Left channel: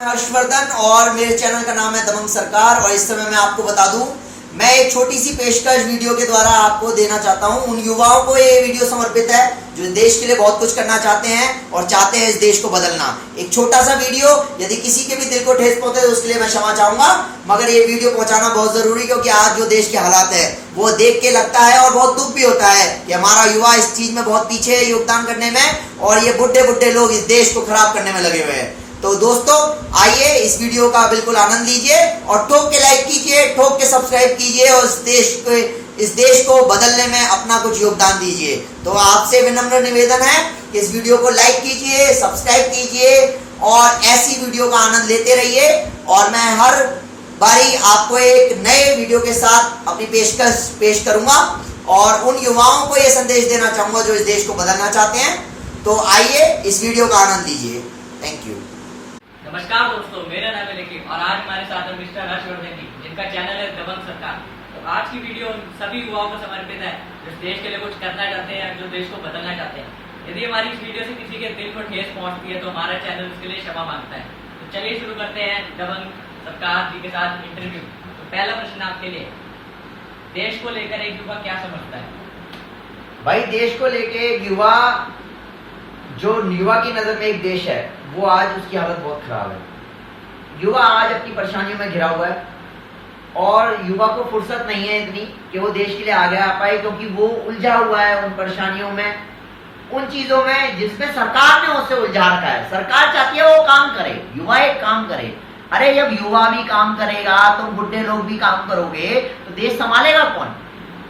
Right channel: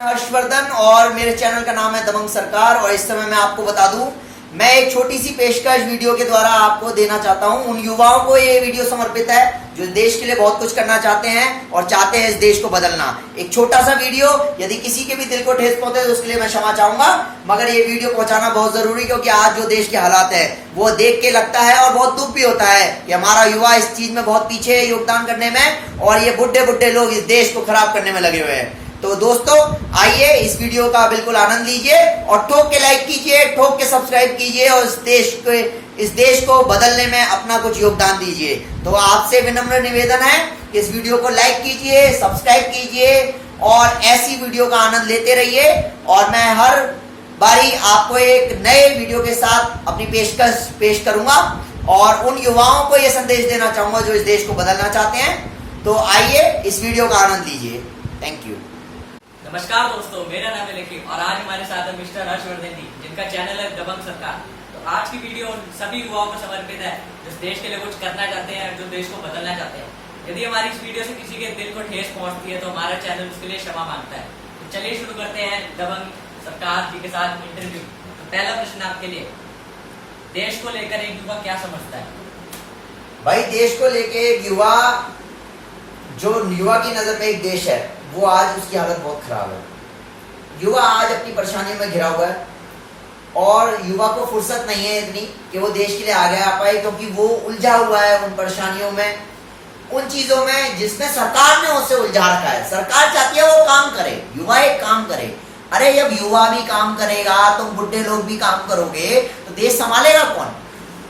हर्षवर्धन और मेरे चैनल का नाम है दबंग सरकार। और इस समय मैं आपको बता दूं, मैं एक छोटी सी पेशकश वीडियो के द्वारा आपको देना चाहता हूं। उन युवाओं को ये वीडियो समर्पित है जो देश के लिए बहुत कुछ करना चाहते हैं और चाहते हैं इस देश को बदलना। एक छोटा सा वीडियो, यदि किसी के भी दिल को ठेस पहुंचे तो उसके लिए मैं क्षमा चाहूंगा, मगर ये वीडियो पहुंचाना बहुत जरूरी, क्योंकि आज जो देश के हालात है वो देख के लगता है और बहुत दुख भी होता है कि हमारा युवा इस चीज में बहुत पीछे है योगदान करने में, और ये बुढ़े बुढ़े लोग इस देश को खराब करने में लगे हुए हैं। तो दोस्तों आइए इस वीडियो का बिल्कुल आनंद लीजिए और ठोक के लाइक कीजिए, ठोक के सब्सक्राइब कीजिए और इस देश को बदलने में अपना कुछ योगदान दीजिए। तो आपसे विनम्र निवेदन है कि इस वीडियो को लाइक कीजिए, सब्सक्राइब कीजिए और ऐसी वीडियो का आनंद लेते रहिए। और मैं हर बारी आपको एक नए वीडियो के साथ अपनी पेशकश पेश करूंगा और उन युवाओं को यह संदेश देना चाहूंगा जो इस देश को बदलना चाहते हैं। तो आइए इस वीडियो का आनंद लीजिए। Thank you. नमस्कार दोस्तों, मेरा नाम है निखिल और आज हमारे साथ है मिस्टर हर्षवर्धन जी, जिनका चैनल है दबंग सरकार। तो आज की वीडियो सभी युवाओं को समर्पित है जो देश के लिए कुछ करना चाहते हैं, जो देश को बदलना चाहते हैं। यदि हमारी इस वीडियो से किसी के दिल को ठेस पहुंचती है तो हमारा चैनल उसके लिए क्षमा मांगता है। तो चलिए शुरू करते हैं दबंग सरकार जी के साथ इंटरव्यू। तो पहला प्रश्न आपके लिए, देश को लेकर एक युवा क्या समझता है? भाई देश को लेके एक युवा, जो युवा की नजर में एक देश है, वो आज उसकी हालत बहुत खराब है। युवा आज अपनी परेशानियों में घिरा हुआ है और युवा को फुर्सत नहीं है इतनी कि वो देश के लिए आगे आ पाए, क्योंकि वो उलझा हुआ है उन परेशानियों में, उन चीजों में जिसमें सरकार ने उसे उलझा रखा है। सरकार चाहती है वो काम करे, युवा एक काम करे। अरे जब युवा भी काम करेगा, तुम बुढ़े लोग भी काम करोगे तो देश संभालेगा कौन?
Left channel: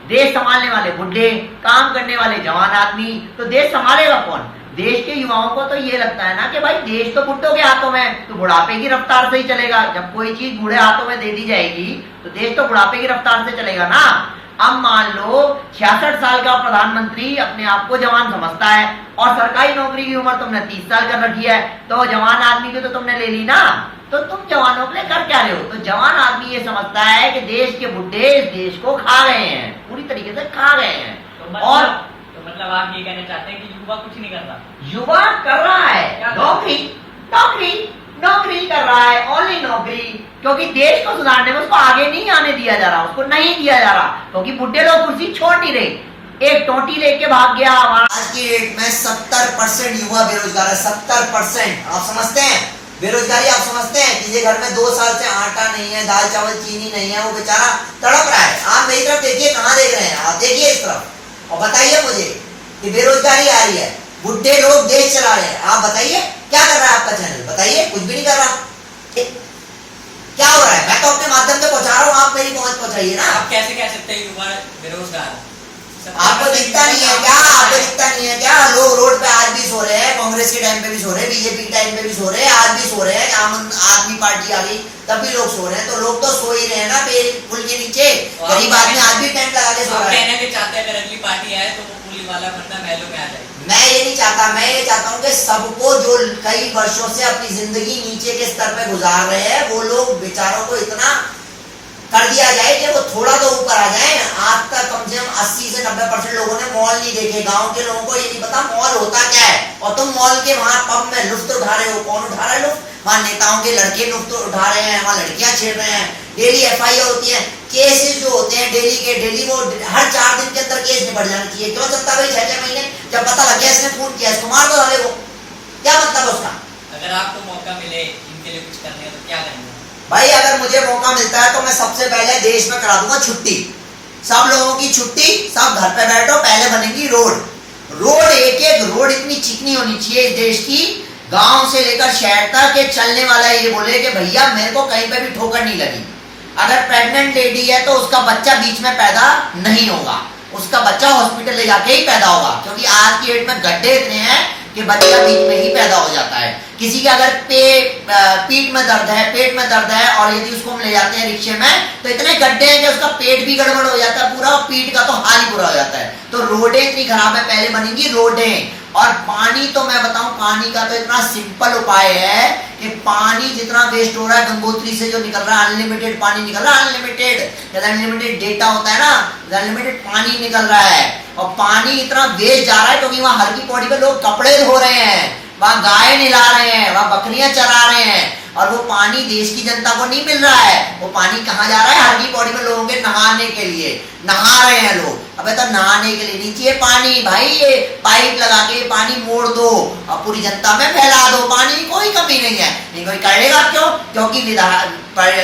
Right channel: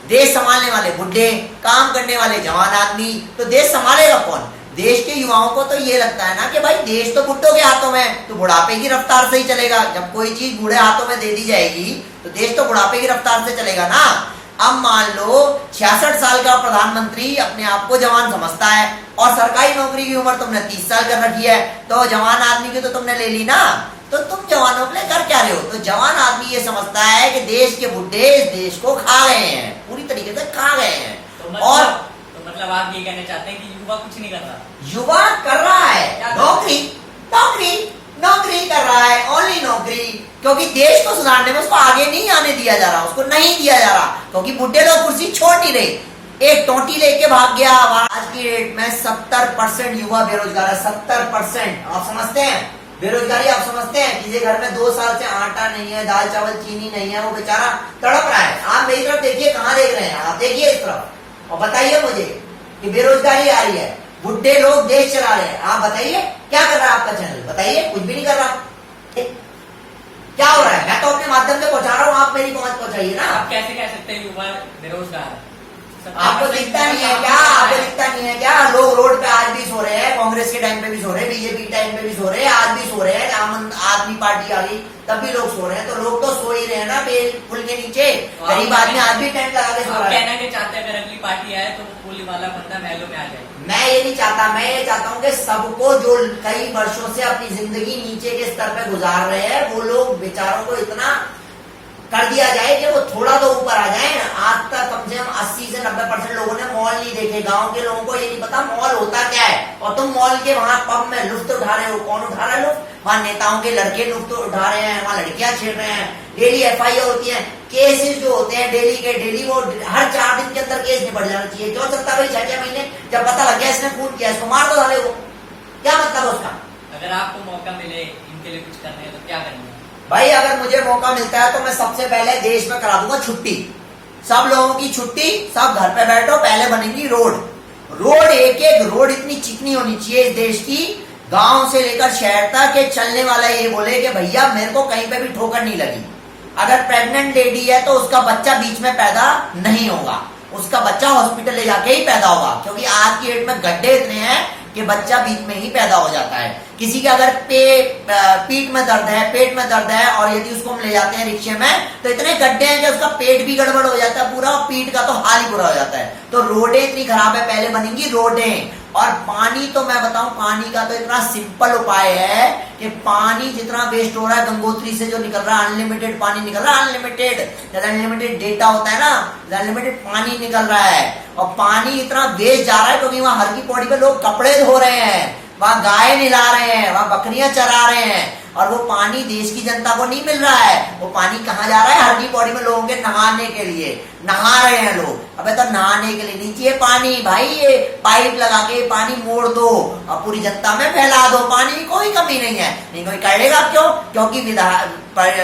देश संभालने वाले बुढ़े, काम करने वाले जवान आदमी, तो देश संभालेगा कौन? देश के युवाओं को तो ये लगता है ना कि भाई देश तो बुढ़ों के हाथों में, तो बुढ़ापे की रफ्तार से ही चलेगा। जब कोई चीज बूढ़े हाथों में दे दी जाएगी तो देश तो बुढ़ापे की रफ्तार से चलेगा ना। अब मान लो 66 साल का प्रधानमंत्री अपने आप को जवान समझता है और सरकारी नौकरी की उम्र तुमने 30 साल कर रखी है, तो जवान आदमी की तो तुमने ले ली ना। तो तुम जवानों के लिए कर क्या रहे हो? तो जवान आदमी ये समझता है कि देश के बुढ़े इस देश को खा गए हैं, पूरी तरीके से खा गए हैं। और मतलब आप ये कहना चाहते हैं कि युवा कुछ नहीं कर रहा? युवा कर रहा है, नौकरी नौकरी नौकरी कर रहा है, ओनली नौकरी। क्योंकि देश को सुधारने में उसको आगे नहीं आने दिया जा रहा, उसको नहीं दिया जा रहा, क्योंकि बुढ़े लोग कुर्सी छोड़ नहीं रहे। एक टोटी लेके भाग गया। आज की डेट में 70% युवा बेरोजगार है। 70% आप समझते हैं बेरोजगारी? आप समझते हैं किसी घर में 2 साल से आटा नहीं है, दाल चावल चीनी नहीं है, वो बेचारा तड़प रहा है। आप मेरी तरफ देखिए, कहाँ देख रहे हैं? आप देखिए इस तरफ और बताइए मुझे कि बेरोजगारी आ रही है, बुढ़े लोग देश चला रहे हैं। आप बताइए क्या कर रहा है आपका चैनल? बताइए, कुछ भी नहीं कर रहा। क्या हो रहा है? मैं तो अपने माध्यम से पहुंचा रहा हूँ, आप मेरी पहुंच पहुंचाइए ना। आप कैसे कह सकते हैं युवा बेरोजगार? आपको दिखता नहीं है क्या? आपको दिखता नहीं है क्या? लोग रोड पे आज भी सो रहे हैं, कांग्रेस के टाइम पे भी सो रहे हैं, बीजेपी के टाइम पे भी सो रहे हैं, आज भी सो रहे हैं। आम आदमी पार्टी आ गई तब भी लोग सो रहे हैं, तो लोग तो सो ही रहे हैं ना पुल के नीचे। गरीब आदमी आज भी टेंट लगा के सो रहा है। कहना ये चाहते हैं अगर अगली पार्टी आए तो वो पुल वाला बंदा महलों में आ जाए। मैं ये नहीं चाहता, मैं ये चाहता हूँ कि सबको जो कई वर्षों से अपनी जिंदगी नीचे के स्तर पे गुजार रहे हैं, वो लोग बेचारों को इतना कर दिया जाए कि वो थोड़ा तो ऊपर आ जाए। आज तक कम से कम 80 से 90% लोगों ने मॉल नहीं देखे। गांव के लोगों को ये नहीं पता मॉल होता क्या है, और तुम मॉल के वहां पब में लुफ्त उठा रहे हो। कौन उठा रहा है लुफ्त? वहां नेताओं के लड़के लुफ्त उठा रहे हैं, वहां लड़कियां छेड़ रहे हैं। डेली FIR होती है, केसेस जो होते हैं डेली के डेली, वो हर 4 दिन के अंदर केस निपट जाना चाहिए। क्यों चलता भाई 6-6 महीने? जब पता लग गया इसने फोन किया, इसको मार दो साले को। क्या मतलब उसका? अगर आपको मौका मिले इनके लिए कुछ करने तो क्या करेंगे? भाई अगर मुझे मौका मिलता है तो मैं सबसे पहले देश में करा दूंगा छुट्टी, सब लोगों की छुट्टी, सब घर पे बैठो। पहले बनेगी रोड एक रोड इतनी चिकनी होनी चाहिए इस देश की, गांव से लेकर शहर तक, के चलने वाला ये बोले कि भैया मेरे को कहीं पे भी ठोकर नहीं लगी। अगर प्रेग्नेंट लेडी है तो उसका बच्चा बीच में पैदा नहीं होगा, उसका बच्चा हॉस्पिटल ले जाके ही पैदा होगा, क्योंकि आज की डेट में गड्ढे इतने हैं कि बच्चा बीच में ही पैदा हो जाता है। किसी के अगर पीठ में दर्द है, पेट में दर्द है, और यदि उसको हम ले जाते हैं रिक्शे में तो इतने गड्ढे हैं कि उसका पेट भी गड़बड़ हो जाता है पूरा, और पीठ का तो हाल ही बुरा हो जाता है। तो रोडें इतनी खराब है, पहले बनेंगी रोडें। और पानी तो मैं बताऊं, पानी का तो इतना सिंपल उपाय है कि पानी जितना वेस्ट हो रहा है गंगोत्री से जो निकल रहा है, अनलिमिटेड पानी निकल रहा है, अनलिमिटेड डेटा होता है ना, अनलिमिटेड पानी निकल रहा है। और पानी इतना वेस्ट जा रहा है क्योंकि वहां हल्की पौड़ी पे लोग कपड़े धो रहे हैं, वहाँ गाय निला रहे हैं, वहाँ बकरियां चरा रहे हैं, और वो पानी देश की जनता को नहीं मिल रहा है। वो पानी कहाँ जा रहा है? हर की बॉडी में लोगों के नहाने के लिए, नहा रहे हैं लोग। अबे तो नहाने के लिए नीचे पानी, भाई ये पाइप लगा के पानी मोड़ दो और पूरी जनता में फैला दो, पानी की कोई कमी नहीं है। नहीं कोई करेगा क्यों? क्योंकि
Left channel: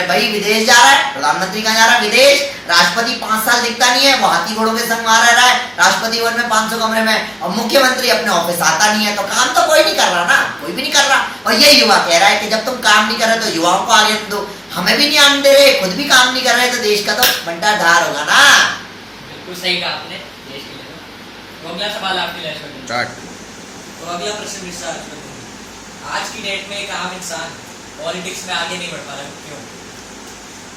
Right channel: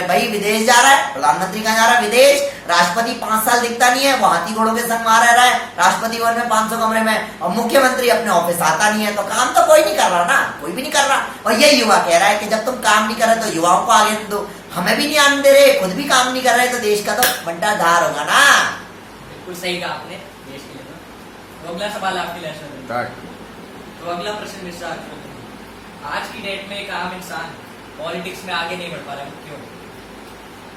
भाई विदेश जा रहा है, प्रधानमंत्री कहाँ जा रहा है? विदेश। राष्ट्रपति 5 साल दिखता नहीं है, वो हाथी घोड़ों के संग वहां रह रहा है राष्ट्रपति भवन में 500 कमरे में, और मुख्यमंत्री अपने ऑफिस आता नहीं है। तो काम तो कोई नहीं कर रहा ना, कोई भी नहीं कर रहा। और ये युवा कह रहा है कि जब तुम काम नहीं कर रहे तो युवाओं को आगे दो, हमें भी नहीं आने दे रहे, खुद भी काम नहीं कर रहे, तो देश का तो बंटा ढार होगा ना। बिल्कुल सही कहा आपने देश के लिए। तो अगला सवाल आपके लिए तो अगला प्रश्न मिश्रा, आज की डेट में एक आम इंसान पॉलिटिक्स में आगे नहीं बढ़ पा रहा, क्यों?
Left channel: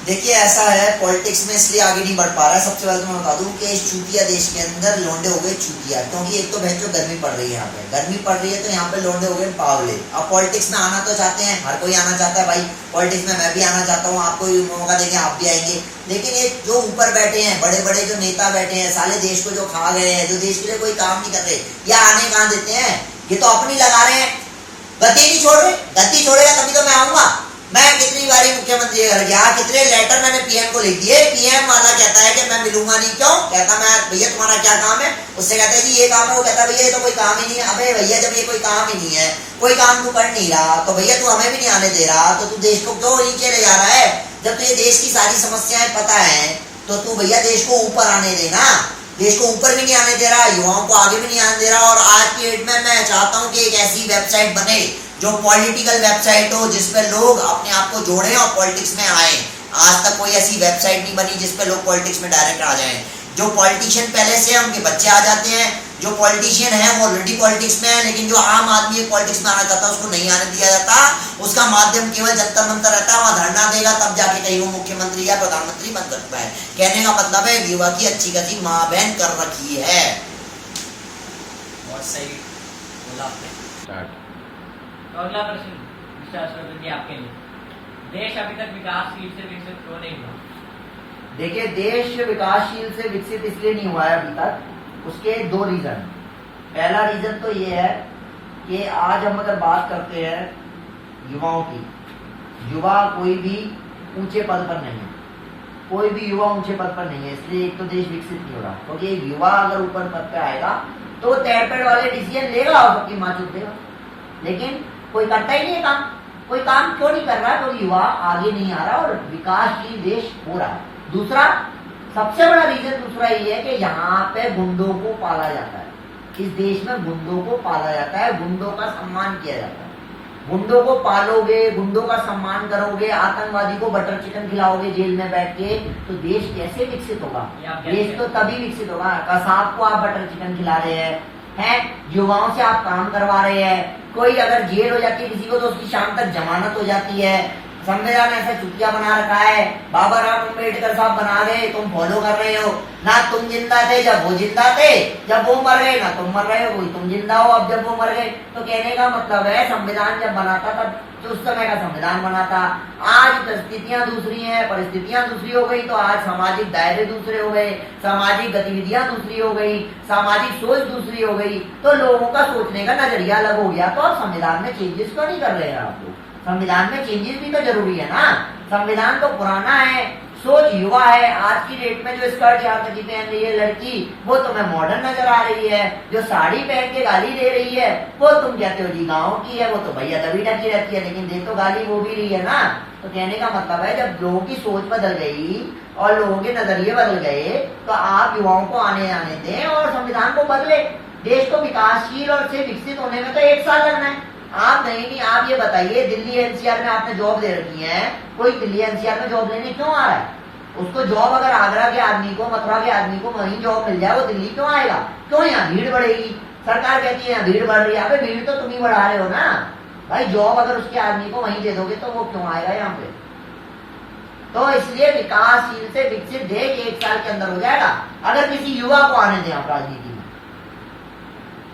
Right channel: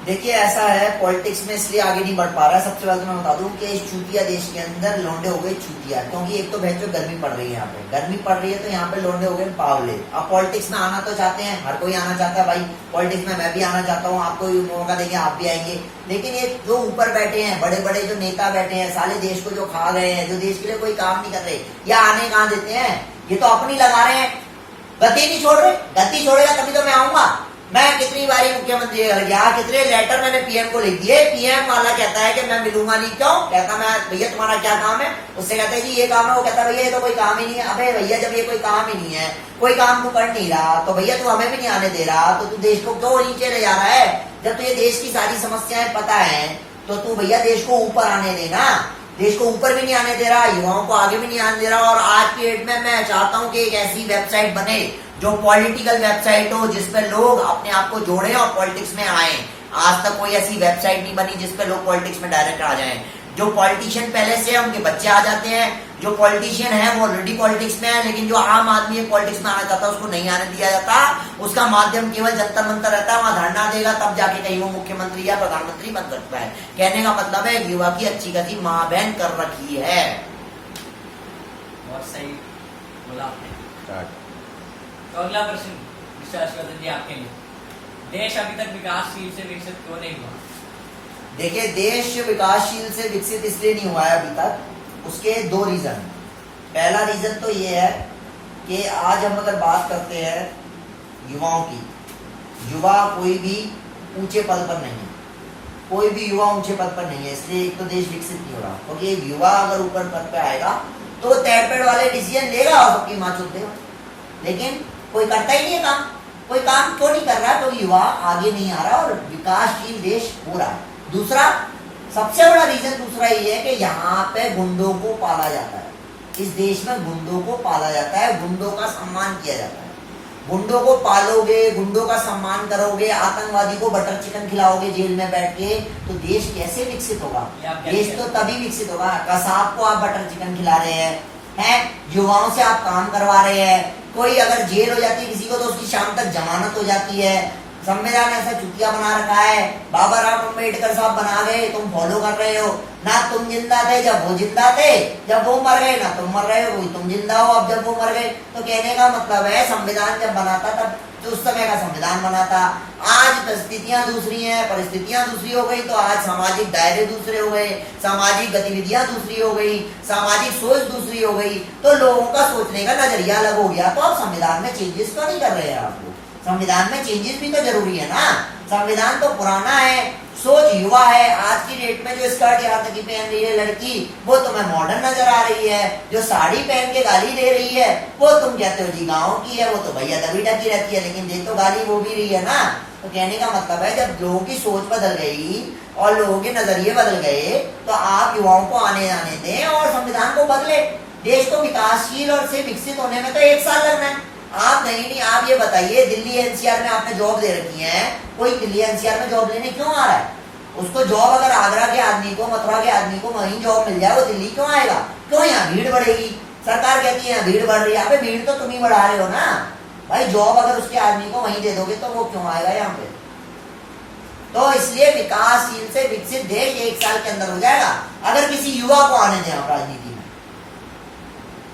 देखिए ऐसा है, पॉलिटिक्स में इसलिए आगे नहीं बढ़ पा रहा है। सबसे पहले तो मैं बता दूं कि इस चूतिया देश के अंदर लोंडे हो गए चूतिया, क्योंकि एक तो भैंसो गर्मी पड़ रही है, यहाँ पे गर्मी पड़ रही है तो यहाँ पे लोंडे हो गए पावले। अब पॉलिटिक्स में आना तो चाहते हैं, हर कोई आना चाहता है भाई पॉलिटिक्स में, मैं भी आना चाहता हूँ, आपको भी मौका देंगे, आप भी आएंगे। लेकिन ये जो ऊपर बैठे हैं, बड़े बड़े जो नेता बैठे हैं, साले देश को जो खा गए हैं, जो देश के लिए कोई काम नहीं कर रहे, या आने कहाँ देते हैं? ये तो अपनी लगा रहे हैं, गति नहीं छोड़ रहे। गति छोड़ेगा तभी तो मैं आऊंगा। मैं कितनी बारी मुख्यमंत्री घर गया, कितने लेटर मैंने पीएम को लिख दिए, पीएम वाला कहता है कि मैं मिलूंगा नहीं। क्यों? कहता मैं भैया तुम्हारा क्या काम है? उससे कहते हैं जी ये काम है, वो कहता भैया ये तो कोई काम ही नहीं है। अबे भैया जब ये कोई काम ही नहीं है, कोई काम तू कर नहीं रहा, तो भैया तू हमें भी नहीं आने दे रहा, तो तू देश को क्यों नीचे ले जा रहा है? जब तुझे देश की सारी समस्याएं पता है तो तू भैया देश को ऊपर आने देना। देश को ऊपर भी नहीं आने दे रहा, युवाओं को आगे भी नहीं आने दे रहा। और आज की डेट में मैं चाहता हूं कि एक ऐसी वेबसाइट बने जो पॉलिटिकल वेबसाइट हो, जिसपे लोग अपने आप को जोड़ें और पॉलिटिक्स में आए। आज तक कोई ऐसी वेबसाइट नहीं बनी जिसपे लोग पॉलिटिक्स में डायरेक्ट आ जाएं। जो पॉलिटिशियन पहले से है उनके बच्चे आ जाते हैं, जो पॉलिटिशियन है वो ऑलरेडी पॉलिटिक्स में है, लेकिन जो आम आदमी पॉलिटिक्स में आना चाहता है उसको नहीं आने दिया जाता। उसका माध्यम केवल जंतर मंतर रहता है, वहां धरना देगा तब जाके कहीं वो मुख्यमंत्री या प्रधानमंत्री बन सकता है। कहने का मतलब है युवा की अच्छी खासी माँ बहन कर रखी है। बहुत सही बोला आपने। तो अगला प्रश्न मिस्टर हर्षवर्धन जी आपके लिए, देश अभी तक विकासशील से विकसित क्यों नहीं हुआ? देखिए देश विकासशील से विकसित इसलिए नहीं हुआ है अभी तक, उसके 2 रीजन। पहला रीजन तो ये है कि आज हम अगर बात करते हैं युवाओं की, युवा कोई भी ऊंचे पद पर नहीं है, कोई भी युवा ऊंचे पद पर नहीं है, इसलिए एक तो देश विकसित नहीं हो रहा। क्योंकि तो युवा अगर ऊपर पद पे आएगा तो तैरपेड़ वाले डिसीजन लेगा और सबकी माँ चूत देगा, लेकिन कोई करता ही नहीं है काम। कोई काम क्यों नहीं कर रहा? क्योंकि युवा आगे नहीं आ रहा और विकासशील देश हो रहा है। दूसरा सबसे बड़ा रीजन दूसरा ये है कि यहाँ पे गुंडों को पाला जाता है, इस देश में गुंडों को पाला जाता है, गुंडों का सम्मान किया जाता है। गुंडों को पालोगे, गुंडों का सम्मान करोगे, आतंकवादी को बटर चिकन खिलाओगे जेल में बैठ के, तो देश कैसे विकसित होगा? देश तो तभी विकसित होगा। कसाब को आप बटर चिकन खिला रहे हैं, युवाओं से आप काम करवा रहे हैं। कोई अगर जेल हो जाती है किसी को तो उसकी शाम तक जमानत हो जाती है। संविधान ऐसा चुतिया बना रखा है, बाबा राव अम्बेडकर साहब बना गए, तुम फॉलो कर रहे हो ना। तुम जिंदा थे जब वो जिंदा थे, जब वो मर गए ना तुम मर रहे हो, वही तुम जिंदा हो अब जब वो मर गए। तो कहने का मतलब है संविधान जब बना था तब तो उस समय का संविधान बना था। आज परिस्थितियां दूसरी हैं, परिस्थितियां दूसरी हो गई तो आज सामाजिक दायरे दूसरे हो गए, सामाजिक गतिविधियां दूसरी हो गई, सामाजिक सोच दूसरी हो गई, तो लोगों का सोचने का नजरिया अलग हो गया। तो अब संविधान में चेंजेस क्यों नहीं कर रहे हैं आप लोग? संविधान में चेंजेस भी तो जरूरी है ना। संविधान तो पुराना है, सोच युवा है। आज की डेट में जो स्कर्ट यहाँ तक की पहन रही है लड़की, वो तुम्हें मॉडर्न नजर आ रही है। जो साड़ी पहन के गाली दे रही है वो तुम कहते हो जी गाँव की है, वो तो भैया दबी ढकी रहती है, लेकिन देख तो गाली वो भी रही है ना। तो कहने का मतलब है जब लोगों की सोच बदल गई और लोगों के नजरिए बदल गए तो आप युवाओं को आने जाने दें और संविधान को बदले। देश को विकासशील और से विकसित होने में तो 1 साल लगना है। आप नहीं, आप ये बताइए दिल्ली एनसीआर में आपने जॉब दे रखी है, कोई दिल्ली एनसीआर में जॉब लेने क्यों आ रहा है? उसको जॉब अगर आगरा के आदमी को, मथुरा के आदमी को वहीं जॉब मिल जाए, वो दिल्ली क्यों आएगा? क्यों? यहाँ भीड़ बढ़ेगी। सरकार कहती है भीड़ बढ़ रही है, अबे भीड़ तो तुम ही बढ़ा रहे हो ना भाई। जॉब अगर उसके आदमी को वहीं दे दोगे तो वो क्यों आएगा यहाँ पे? तो इसलिए विकासशील से विकसित देश 1 साल के अंदर हो जाएगा अगर किसी युवा को आने दें आप राजनीति में।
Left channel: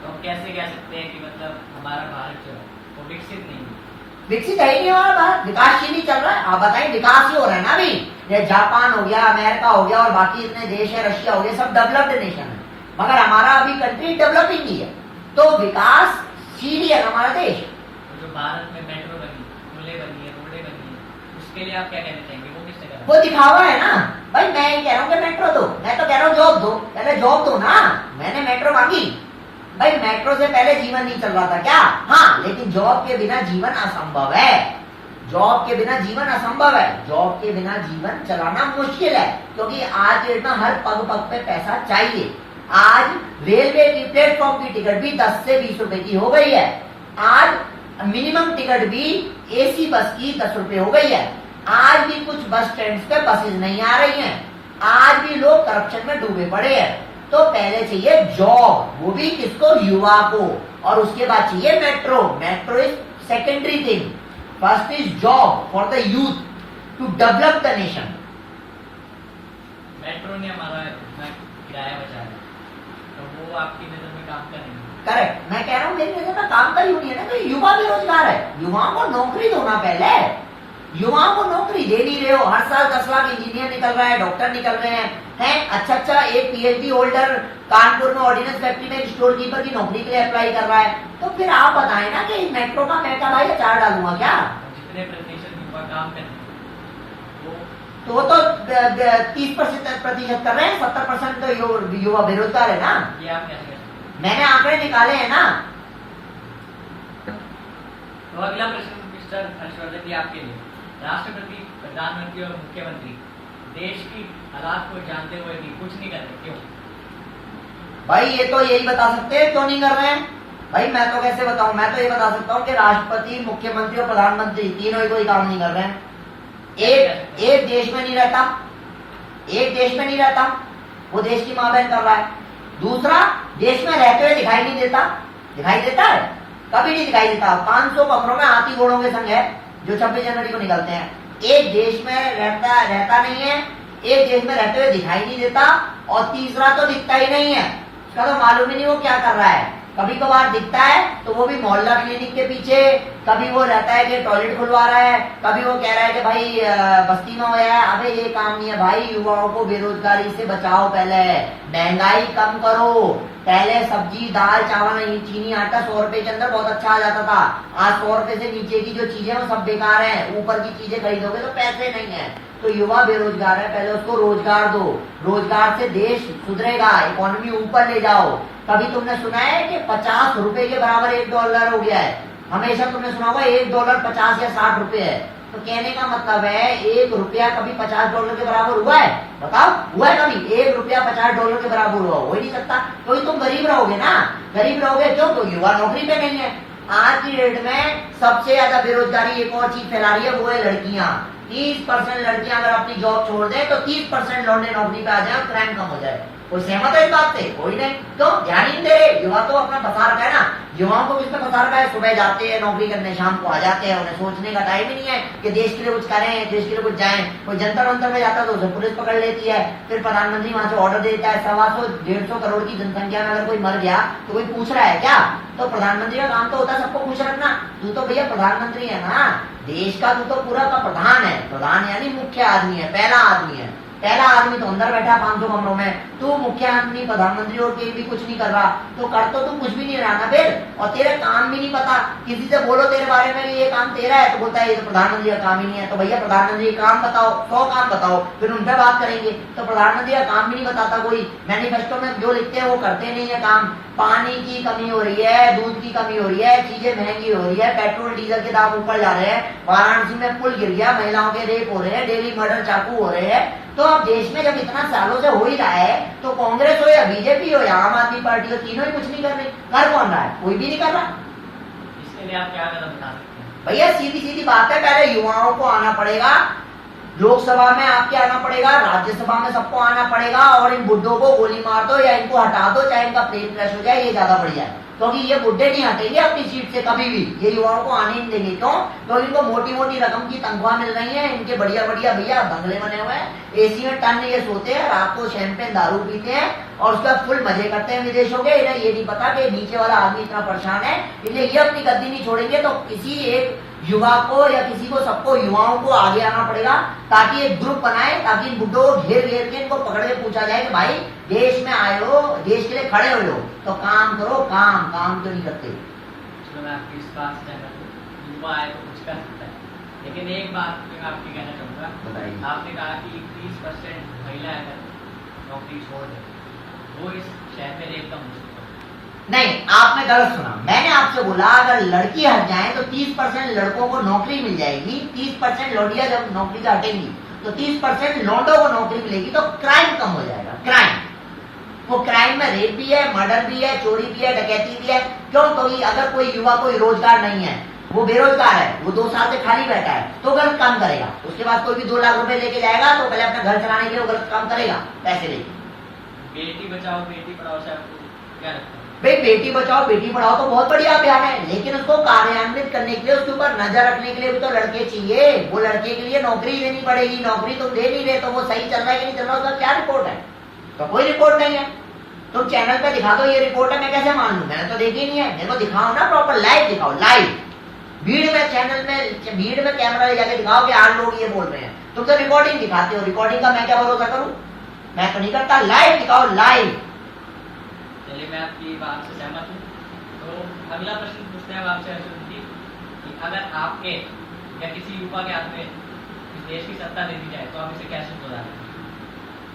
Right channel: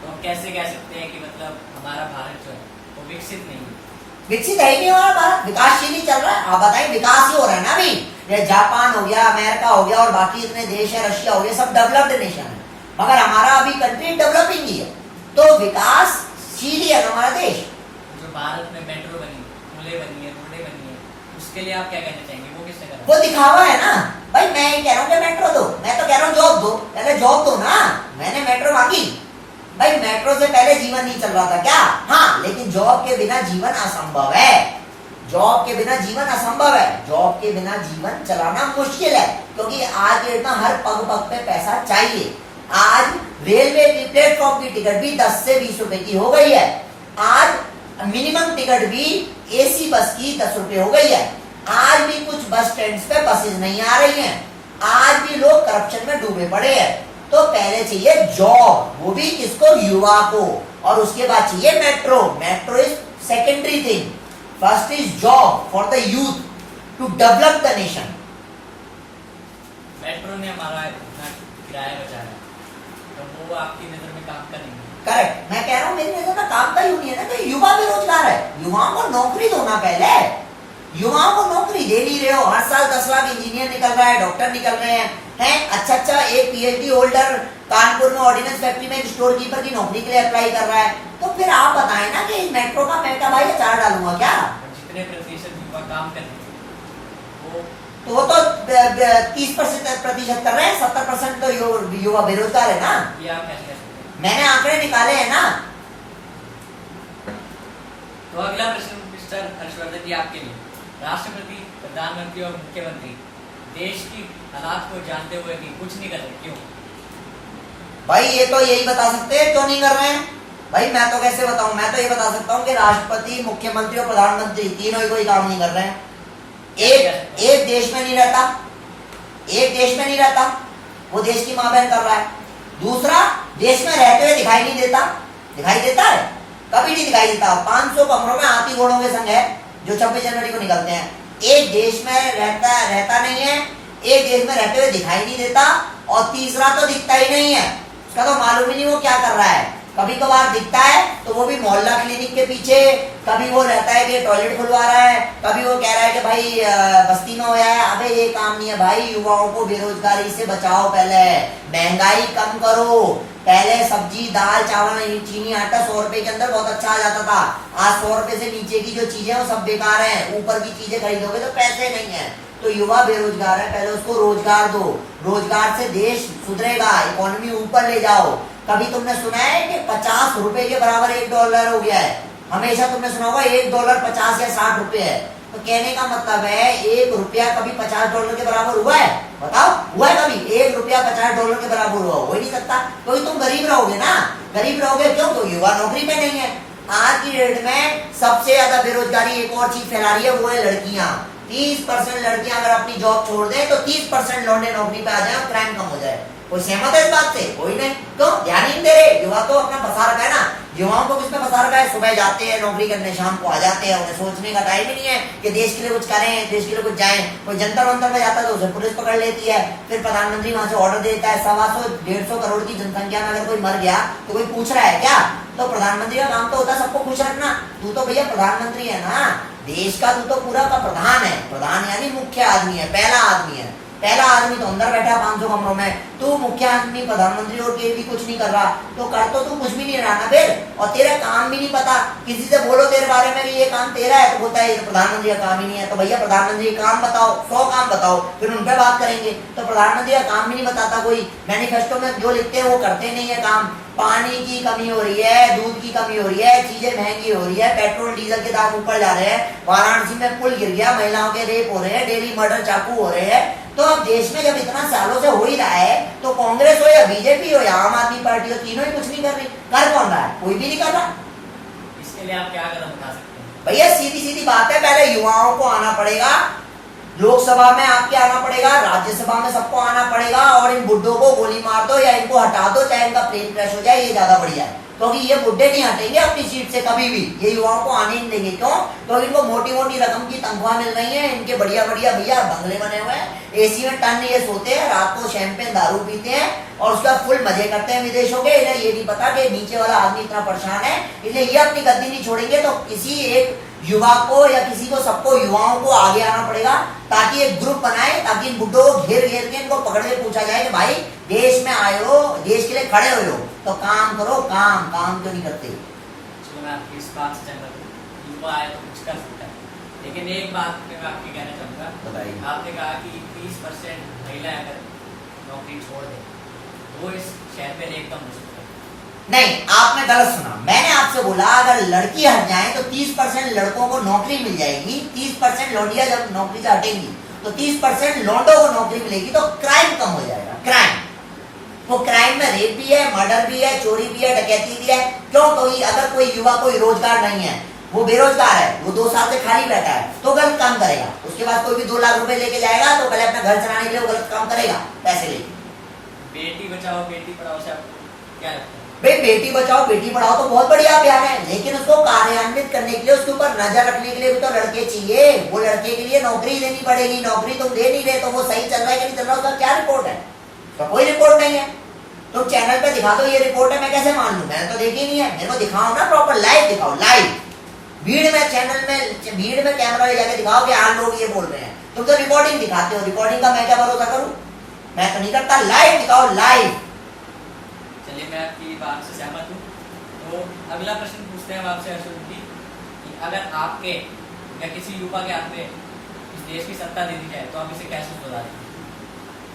तो हम कैसे कह सकते हैं कि मतलब हमारा भारत जो है वो विकसित नहीं है? विकसित है ही नहीं हमारा भारत, विकासशील ही चल रहा है। आप बताइए, विकास ही हो रहा है ना अभी। ये जापान हो गया, अमेरिका हो गया और बाकी इतने देश है, रशिया हो गया, सब डेवलप्ड नेशन है, मगर हमारा अभी कंट्री डेवलपिंग ही है। तो विकास सीलियन हमारा देश। जो भारत में मेट्रो बनी, पुलें बनी है, रोडें बनी है, उसके लिए आप क्या कहना चाहेंगे? वो किसने करा? वो दिखावा है ना भाई। मैं ये कह रहा हूँ कि मेट्रो दो, मैं तो कह रहा हूँ जॉब दो, पहले जॉब दो ना। मैंने मेट्रो मांगी भाई, मेट्रो से पहले जीवन नहीं चल रहा था क्या? हाँ, लेकिन जॉब के बिना जीवन असंभव है। जॉब के बिना जीवन असंभव है। जॉब के बिना जीवन चलाना मुश्किल है, क्योंकि आज डेट में हर पग पग पे पैसा चाहिए। आज रेलवे की प्लेटफॉर्म की टिकट भी 10 से 20 रुपए की हो गई है। आज मिनिमम टिकट भी एसी बस की 10 रुपए हो गई है। आज भी कुछ बस स्टैंड पे बसेज नहीं आ रही हैं। आज भी लोग करप्शन में डूबे पड़े हैं। तो पहले चाहिए जॉब, वो भी किसको? युवा को। और उसके बाद चाहिए metro. Metro is secondary thing, first is job for the youth to develop the nation. Metro ने हमारा इतना किराया बचाया, तो वो आपकी नजर में काम करेंगे? करेक्ट। मैं कह रहा हूँ मेरी नजर में काम का ही नहीं है ना, तो युवा बेरोजगार है। युवाओं को नौकरी दो ना पहले। युवाओं को नौकरी दे नहीं रहे हो। हर साल 10 लाख इंजीनियर निकल रहा है, डॉक्टर निकल रहे हैं। अच्छा एक पीएचडी होल्डर कानपुर में ऑर्डिनेंस फैक्ट्री में स्टोर कीपर की नौकरी के लिए अप्लाई कर रहा है। तो फिर आप बताएं ना कि मेट्रो का मैं क्या भाई अचार डालूंगा क्या? जितने प्रतिशत युवा काम कर रहे हैं तो वो तो 30% कर रहे हैं, 70% तो युवा बेरोजगार है ना। ये आप कैसे कर सकते हैं? मैंने आंकड़े निकाले हैं ना। तो अगला प्रश्न मिस्टर हर्षवर्धन जी आपके लिए। राष्ट्रपति, प्रधानमंत्री और मुख्यमंत्री देश की हालात को जानते हुए भी कुछ नहीं कर रहे, क्यों? भाई ये तो यही बता सकते हैं क्यों नहीं कर रहे हैं। भाई मैं तो कैसे बताऊं? मैं तो ये बता सकता हूं कि राष्ट्रपति, मुख्यमंत्री और प्रधानमंत्री तीनों ही कोई काम नहीं कर रहे हैं। एक देश में नहीं रहता, एक देश में नहीं रहता, वो देश की मां बहन कर रहा है। दूसरा, देश में रहते हुए दिखाई नहीं देता। दिखाई देता है? कभी नहीं दिखाई देता। 500 कमरों में हाथी घोड़ों के संग है जो 26 जनवरी को निकलते हैं। एक देश में रहता नहीं है, एक देश में रहते हुए दिखाई नहीं देता, और तीसरा तो दिखता ही नहीं है। उसका तो मालूम ही नहीं वो क्या कर रहा है। कभी कभार दिखता है तो वो भी मोहल्ला क्लिनिक के पीछे, कभी वो रहता है कि टॉयलेट खुलवा रहा है, कभी वो कह रहा है कि भाई बस्ती में हो है। अबे ये काम नहीं है भाई। युवाओं को बेरोजगारी से बचाओ, पहले महंगाई कम करो। पहले सब्जी, दाल, चावल, चीनी, आटा 100 रुपए के अंदर बहुत अच्छा आ जाता था। आज 100 रुपए से नीचे की जो चीजें वो सब बेकार हैं। ऊपर की चीजें खरीदोगे तो पैसे नहीं है। तो युवा बेरोजगार है, पहले उसको रोजगार दो। रोजगार से देश सुधरेगा, इकोनॉमी ऊपर ले जाओ। कभी तुमने सुना है कि 50 रुपए के बराबर $1 हो गया है? हमेशा तुमने सुना होगा $1 50 या 60 रुपए है। तो कहने का मतलब है $1 कभी $50 के बराबर हुआ है? बताओ, हुआ है कभी? $1 $50 के बराबर हुआ? हो ही नहीं सकता। क्योंकि तुम गरीब रहोगे ना। गरीब रहोगे क्यों? तो युवा नौकरी में नहीं है। आज की डेट में सबसे ज्यादा बेरोजगारी एक और चीज फैला रही है, वो है लड़कियां। 30% लड़कियां अगर अपनी जॉब छोड़ दें तो 30% लौंडे नौकरी पे आ जाए और क्राइम कम हो जाए। कोई सहमत है इस बात से? कोई नहीं। तो ध्यान ही नहीं दे रहे। युवा तो अपना फंसा रखा है ना। युवाओं को किसमें फंसा रखा है? सुबह जाते हैं नौकरी करने, शाम को आ जाते हैं। उन्हें सोचने का टाइम ही नहीं है कि देश के लिए कुछ करें, देश के लिए कुछ जाएं। कोई जंतर मंतर में जाता है तो उसे पुलिस पकड़ लेती है। फिर प्रधानमंत्री वहां से ऑर्डर देता है। 125-150 करोड़ की जनसंख्या में अगर कोई मर गया तो कोई पूछ रहा है क्या? तो प्रधानमंत्री का काम तो होता है सबको खुश रखना। तू तो भैया प्रधानमंत्री है ना, देश का तू तो पूरा का प्रधान है। प्रधान यानी मुख्य आदमी है, पहला आदमी है। पहला आदमी तो अंदर बैठा 500 कमरों में। तू मुख्य आदमी, प्रधानमंत्री और के भी कुछ नहीं कर रहा, तो कर तो तू कुछ भी नहीं रहा ना फिर। और तेरा काम भी नहीं पता। किसी से बोलो तेरे बारे में कि ये काम तेरा है, तो बोलता है ये तो प्रधानमंत्री का काम ही नहीं है। तो भैया प्रधानमंत्री का काम बताओ, 100 काम बताओ, फिर उन पर बात करेंगे। तो प्रधानमंत्री का काम भी नहीं बताता कोई। मैनिफेस्टो में जो लिखते हैं वो करते नहीं है काम। पानी की कमी हो रही है, दूध की कमी हो रही है, चीजें महंगी हो रही है, पेट्रोल डीजल के दाम ऊपर जा रहे हैं, वाराणसी में पुल गिर गया, महिलाओं के रेप हो रहे हैं, डेली मर्डर चाकू हो रहे हैं। तो अब देश में जब इतना सालों से हो ही रहा है, तो कांग्रेस हो या बीजेपी हो या आम आदमी पार्टी हो, तीनों ही कुछ नहीं कर रहे। कर कौन रहा है? कोई भी नहीं कर रहा। इसके लिए आप क्या कदम उठा सकते हैं? भैया सीधी सीधी बात है, पहले युवाओं को आना पड़ेगा। लोकसभा में आपके आना पड़ेगा, राज्यसभा में सबको आना पड़ेगा, और इन बुड्ढों को गोली मार दो या इनको हटा दो, चाहे इनका प्लेन क्रैश हो जाए, ये ज्यादा बढ़िया है। क्योंकि ये बुड्ढे नहीं हटेंगे अपनी सीट से कभी भी। ये युवाओं को आने नहीं देंगे। क्यों? क्योंकि इनको मोटी मोटी रकम की तनख्वाह मिल रही है, इनके बढ़िया बढ़िया भैया बंगले बने हुए हैं, एसी में टन ये सोते हैं, रात को शैंपेन दारू पीते हैं और उसके बाद फुल मजे करते हैं विदेशों के। इन्हें ये नहीं पता कि नीचे वाला आदमी इतना परेशान है, इसलिए ये अपनी गद्दी नहीं छोड़ेंगे। तो किसी एक युवा को या किसी को, सबको युवाओं को आगे आना पड़ेगा, ताकि एक ग्रुप बनाए, ताकि इन बुड्ढों को घेर घेर के इनको पकड़ के पूछा जाए कि भाई देश में आए हो, देश के लिए खड़े हुए हो तो काम करो। काम क्यों नहीं करते? मैं आपकी इस बात से सहमत हूँ, युवा आए तो कुछ कर सकता है। लेकिन एक बात पे मैं आपकी कहना चाहूँगा, बताइए। आपने कहा कि 30% महिलाएं अगर नौकरी छोड़ दें वो इस शहर में रहेगा मुश्किल है। नहीं, आपने गलत सुना। मैंने आपसे बोला अगर लड़की हट जाए तो 30% लड़कों को नौकरी मिल जाएगी, 30% लौंडिया जब नौकरी से हटेंगी तो 30% लौंडों को नौकरी मिलेगी, तो क्राइम कम हो जाएगा। क्राइम, वो क्राइम में रेप भी है, मर्डर भी है, चोरी भी है, डकैती भी है। क्यों? तो अगर कोई युवा कोई रोजगार नहीं है, वो बेरोजगार है, वो 2 साल से खाली बैठा है, तो गलत काम करेगा। उसके बाद कोई भी 2 लाख रुपए लेके जाएगा तो पहले अपना घर चलाने के लिए वो गलत काम करेगा, पैसे लेके। बेटी बचाओ बेटी पढ़ाओ से आपको क्या लगता है? भाई बेटी बचाओ बेटी पढ़ाओ तो बहुत बढ़िया अभियान है, लेकिन उसको कार्यान्वित करने के लिए, उसके ऊपर नजर रखने के लिए भी तो लड़के चाहिए। वो लड़के के लिए नौकरी देनी पड़ेगी। नौकरी तुम दे नहीं रहे तो वो सही चल रहा है कि नहीं चल रहा, उसका क्या रिपोर्ट है? तो कोई रिपोर्ट नहीं है। तुम चैनल पे दिखा दो ये रिपोर्ट है, मैं कैसे मान लूं? मैंने तो देखी नहीं है। मेरे को दिखाओ ना, प्रॉपर लाइव दिखाओ, लाइव भीड़ में, चैनल में भीड़ में कैमरा ले जाके दिखाओ कि 8 लोग ये बोल रहे हैं। तुम तो रिकॉर्डिंग दिखाते हो, रिकॉर्डिंग का मैं क्या भरोसा करूं? मैं तो नहीं करता। लाइव दिखाओ, लाइव। चलिए मैं आपकी बात से सहमत हूँ। तो अगला प्रश्न पूछते हैं हम आपसे अर्जुन जी, कि अगर आपके या किसी युवा के हाथ में इस देश की सत्ता दे दी जाए तो आप इसे कैसे सुधारेंगे?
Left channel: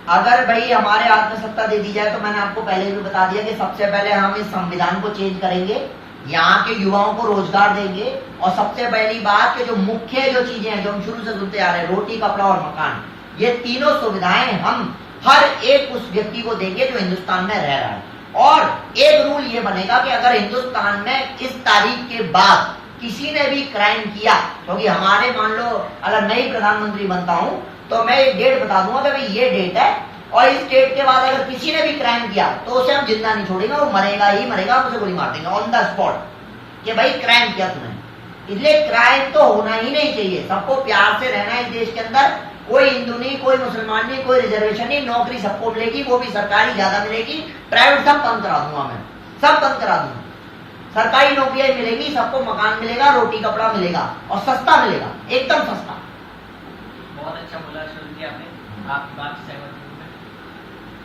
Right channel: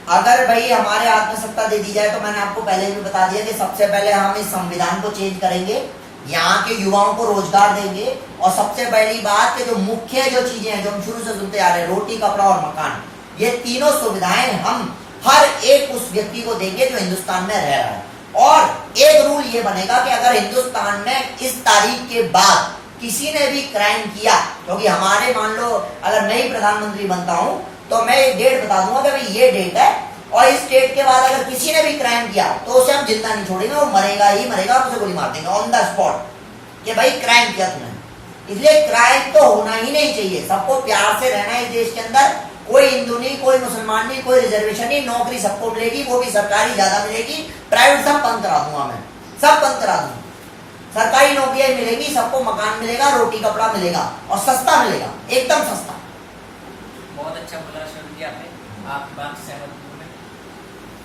अगर भाई हमारे हाथ में सत्ता दे दी जाए तो मैंने आपको पहले भी बता दिया कि सबसे पहले हम इस संविधान को चेंज करेंगे, यहाँ के युवाओं को रोजगार देंगे, और सबसे पहली बात कि जो मुख्य जो चीजें हैं जो हम शुरू से सुनते आ रहे हैं, रोटी कपड़ा और मकान, ये तीनों सुविधाएं हम हर एक उस व्यक्ति को देंगे जो हिंदुस्तान में रह रहा है। और एक रूल ये बनेगा कि अगर हिंदुस्तान में इस तारीख के बाद किसी ने भी क्राइम किया, क्योंकि हमारे मान लो अगर मैं ही प्रधानमंत्री बनता हूं तो मैं एक डेट बता दूंगा कि भाई ये डेट है, और इस डेट के बाद अगर किसी ने भी क्राइम किया तो उसे हम जिंदा नहीं छोड़ेंगे, वो मरेगा ही मरेगा, उसे गोली मार देंगे ऑन द स्पॉट कि भाई क्राइम किया तुमने। इसलिए क्राइम तो होना ही नहीं चाहिए। सबको प्यार से रहना है इस देश के अंदर। कोई हिंदू नहीं, कोई मुसलमान नहीं, कोई रिजर्वेशन नहीं, नौकरी सबको मिलेगी, वो भी सरकारी ज्यादा मिलेगी, प्राइवेट सब बंद करा दूंगा मैं, सब बंद करा दूंगा। सरकारी नौकरियां मिलेगी, सबको मकान मिलेगा, रोटी कपड़ा मिलेगा और सस्ता मिलेगा, एकदम सस्ता। बहुत अच्छा बोला अर्जुन जी आपने, आपकी बात से सहमत हूँ।